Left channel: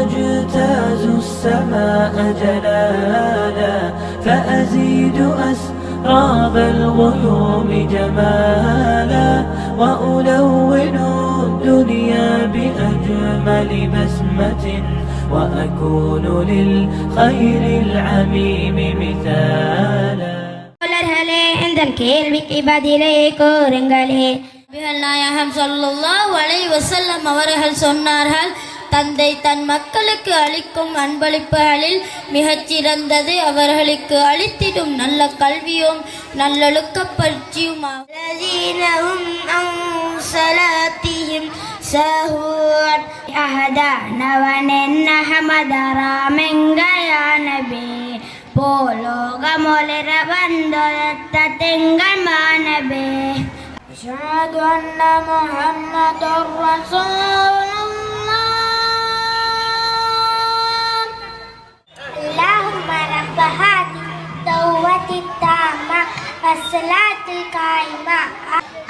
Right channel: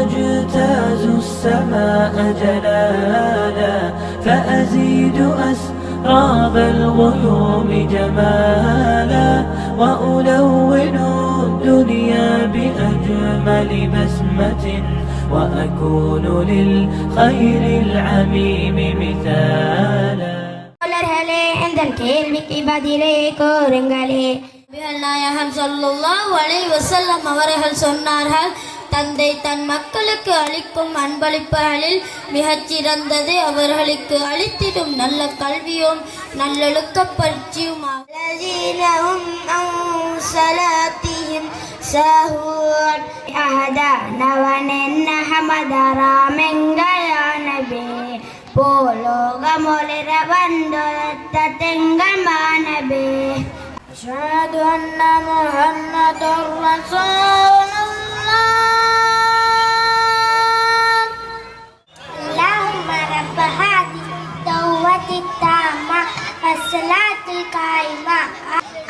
أجتاز السماء جلالا فأزيد أسراب الغيوم جمالا وألون الدنيا بأجمل بسمة وأكون للخير العميم مثالا. கேள்விக்கு பதிலை கூறுங்களே. நாயகம் ஸல்லல்லாஹு அலைஹி வஸல்லம் அவர்கள் சொன்னார்கள், தந்தை தன் மக்களுக்கு அளிக்கும் அன்பளிப்புகளில் மிகச்சிறந்தது அவர்களுக்கு அளித்திடும் நல்ல கல்வியும் நல்லொழுக்க பயிற்சியுமாகும். أشهد أن محمدا رسول الله. اللهم رب هذه الدعوة التامة والصلاة القائمة.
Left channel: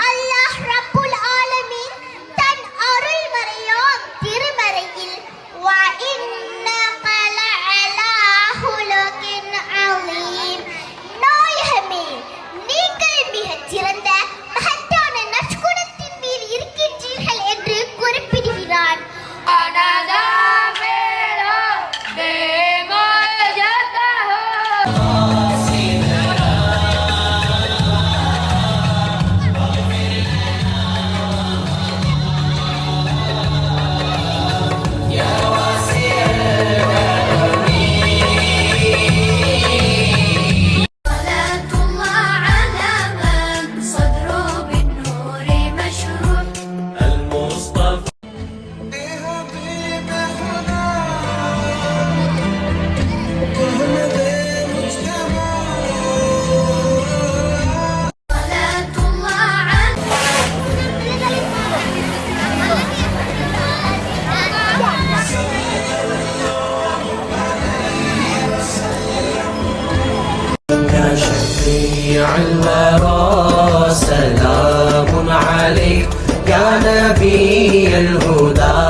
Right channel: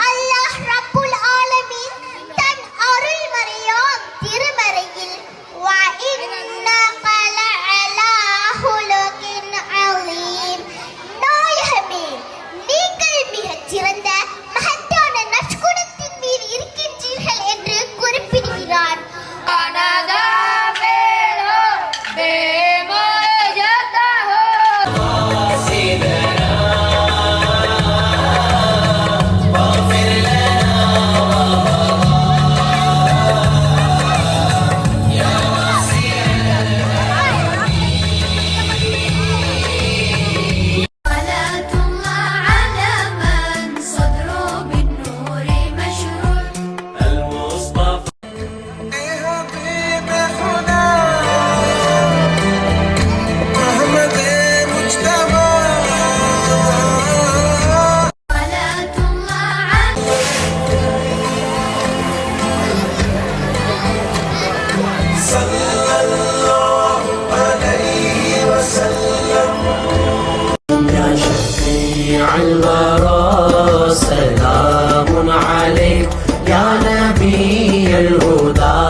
الله رب العالمين தன் அருள் மறையாம் திருமறையில் وإنك لعلى خلق عظيم நாயகமே, நீங்கள் மிகச் சிறந்த மகத்தான நற்குணத்தின் மீது இருக்கின்றீர்கள் என்று குறிப்பிடுகிறார். الورى سلام عليك يا نبي الهدى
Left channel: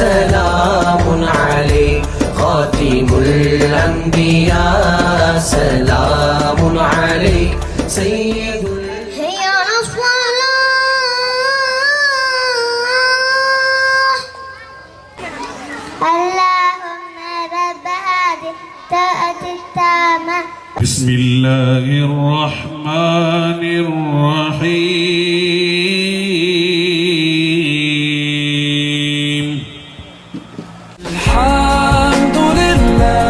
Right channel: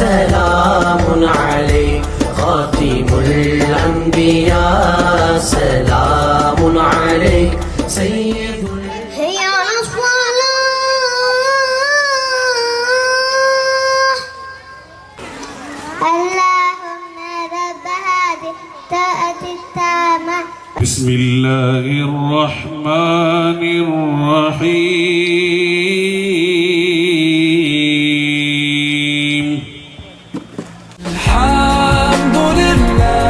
سلام عليك خاتم الأنبياء سلام عليك سيد يا رسول الله. اللهم رب هذه الطاعة التامة. بسم الله الرحمن الرحيم. الحمد لله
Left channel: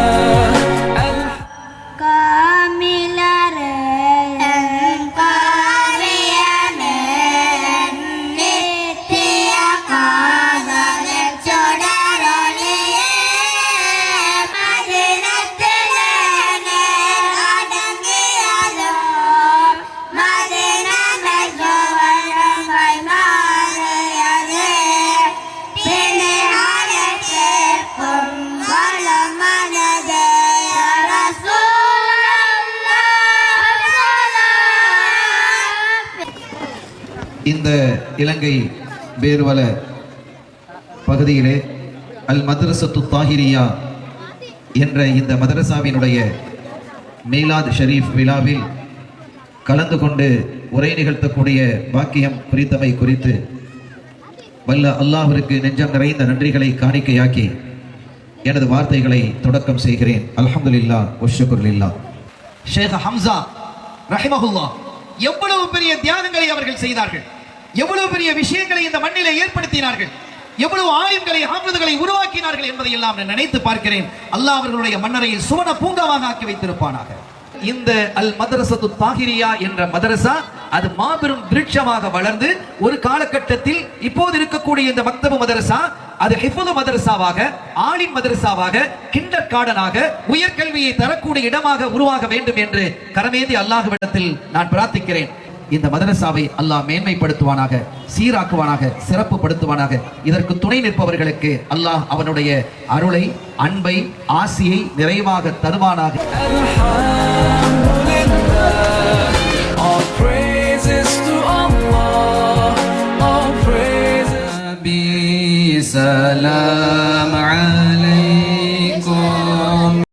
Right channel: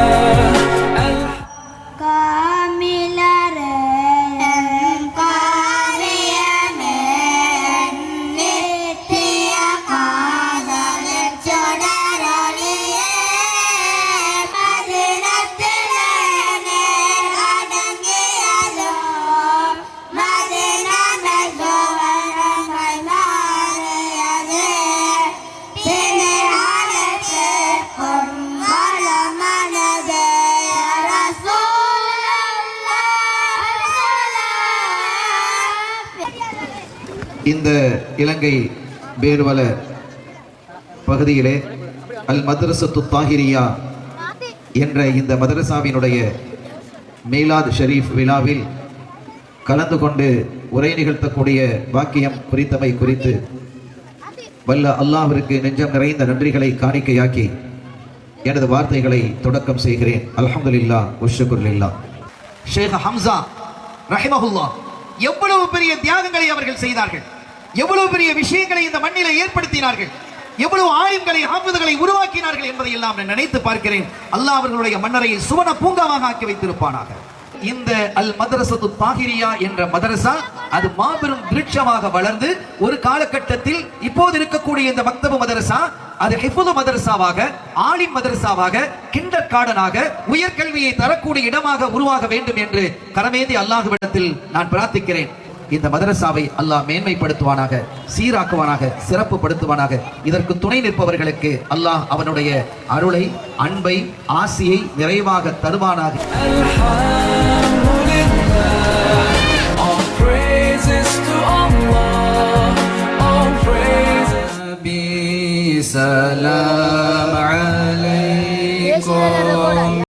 இந்த இலங்கை பேர்வல பகுதியிலே அல் மதரசத்து தாஹிரியா என்ற இந்த மதரசாவினுடைய மீலாத் ஷரீஃப் விழாவில் கலந்து கொண்டு உரை நிகழ்த்தக்கூடிய பாக்கியம் குறித்தவை குறித்து வல்ல அல்லாஹ்விற்கு நெஞ்சம் நிறைந்த நன்றிகளை காணிக்கையாக்கி எனது வார்த்தைகளை தொடக்கம் செய்கிறேன். அல்ஹம்துலில்லாஹ் வஷ்ஷுக்ருலில்லாஹ். ஷேக் ஹம்சா ரஹிமஹுல்லாஹ் எவ்வளவு பெரிய தியாகங்களை அவர்கள் செய்தார்கள், எவ்வளவு பெரிய விஷயங்களை இந்த மண்ணிலே ஏற்படுத்தினார்கள், எவ்வளவு ஆலிம்களை ஹாஃபிதுகளை உருவாக்கினார்கள் என்பதை எல்லாம் நான் நினைத்து பார்க்கிறேன். அல்லாஹ் அவர்களுடைய மன்னரையை சுவன பூங்காவாக ஆக்கி வைத்திருப்பானாக. இந்த அல் மதரசத்து தாஹிரியா என்ற மதரசா அது மாபெரும் விருட்சமாக வளர்ந்து ஒரு காலகட்டத்தில் இப்போது இருக்கக்கூடிய இந்த மக்தபு மதரசா அது ஹிஃபுது மதரசாவாக, ஆலிம் மதரசாவாக, கிண்டர் கார்டனாக, உயர்கல்வியை தரக்கூடிய இடமாக உருவாக வேண்டும் என்று கரமேந்தி அல்லாஹ்விடத்தில் நான் பிரார்த்திக்கிறேன். இந்த மதரசாவை அல்லாஹ் மேன்மைப்படுத்துவானாக, சீராக்குவானாக, சிறப்புப்படுத்துவானாக. இதற்கு துணை நிற்பவர்களுக்கு அல்லாஹ் அவனுடைய அருளை, அன்பை, ஆசியை நிறைவாக தருவானாக. All praises to Allah, all praises. Salam